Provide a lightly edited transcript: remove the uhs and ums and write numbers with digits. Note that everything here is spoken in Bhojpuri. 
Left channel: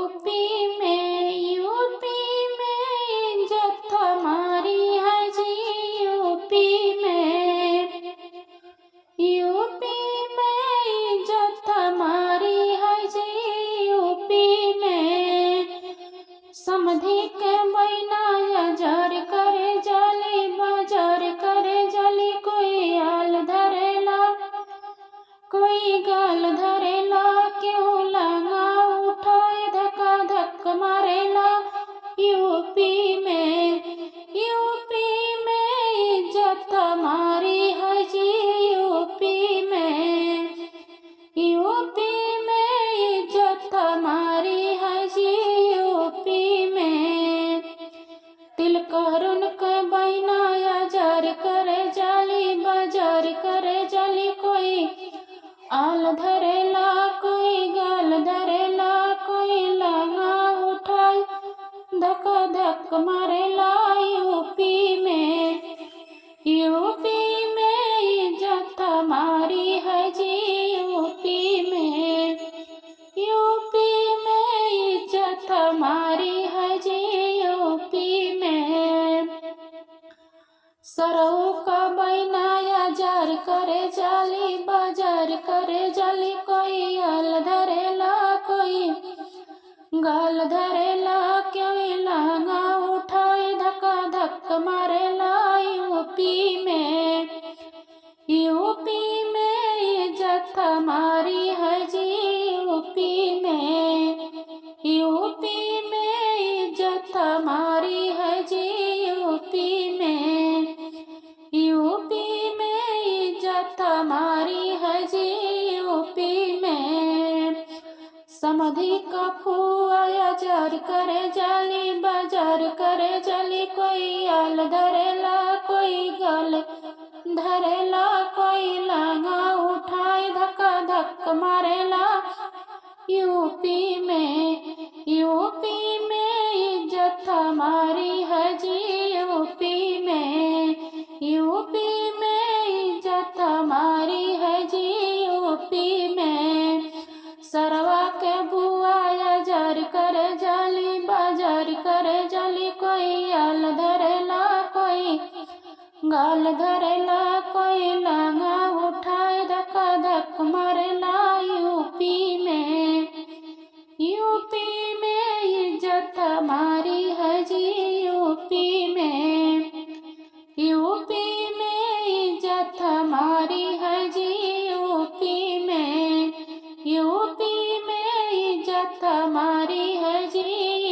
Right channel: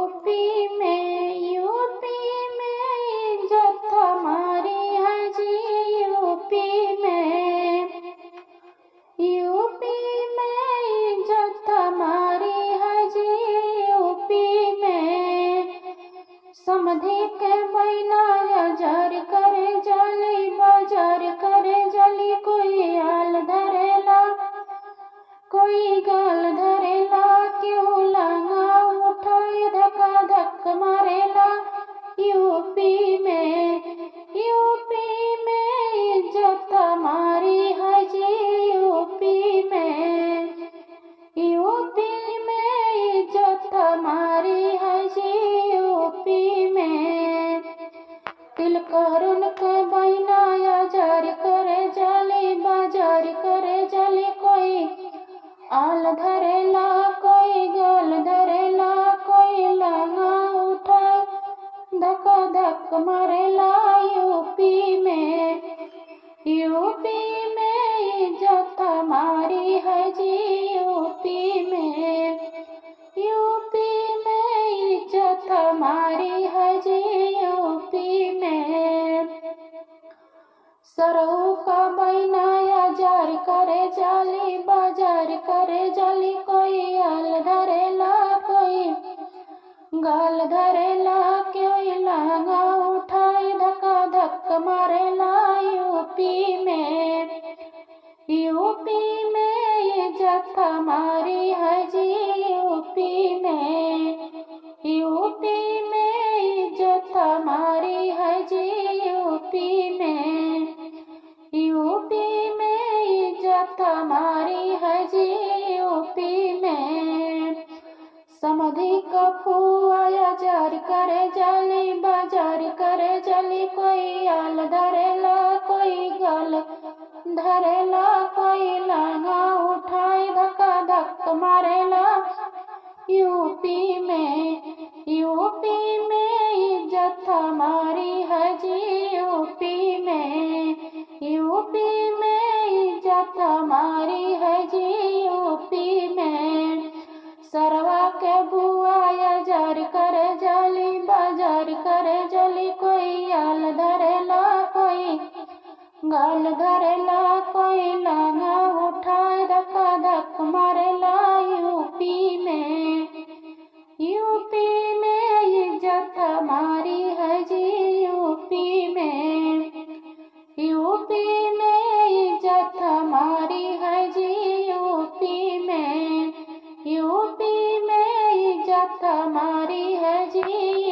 यूपी में इज्जत हमारी है जी। यूपी में इज्जत हमारी है जी। यूपी में समधी के बहना अजर करे जाली बाजार करे जाली। कोई आल धरेला कोई गाल धरेला, क्यों लंगा उठाए धक्का धक मारेला। यूपी में इज्जत हमारी है जी। यूपी में इज्जत हमारी है जी। यूपी में तिल करुन के बहना अजर करे जाली बाजार करे जाली। कोई आल धरेला कोई गाल धरेला, कोई लंगा उठाए धक्का धक मारेला। यूपी में इज्जत हमारी है जी। यूपी में इज्जत हमारी है जी। यूपी में सरऊ का बहना अजर करे जाली बाजार करे जाली। कोई आल धरेला कोई गाल धरेला, कोई लहंगा उठाए धक्का धक मारेला। यूपी में इज्जत हमारी है जी। यूपी में इज्जत हमारी है जी। यूपी में इज्जत हमारी है जी। यूपी में समधी का फुआ अजर करे जाली बाजार करे जाली। कोई आल धरेला कोई गाल धरेला, कोई लंगा उठाए धक्का धक मारेला। यूपी में इज्जत हमारी है जी। यूपी में इज्जत हमारी है जी। यूपी में सरवा के बुआ अजर करे जाली बाजार करे जाली। कोई आल धरेला कोई गाल धरेला, कोई लंगा उठाए धक्का धक मारेला। यूपी में इज्जत हमारी है जी। यूपी में इज्जत हमारी है जी। यूपी में इज्जत हमारी है जी।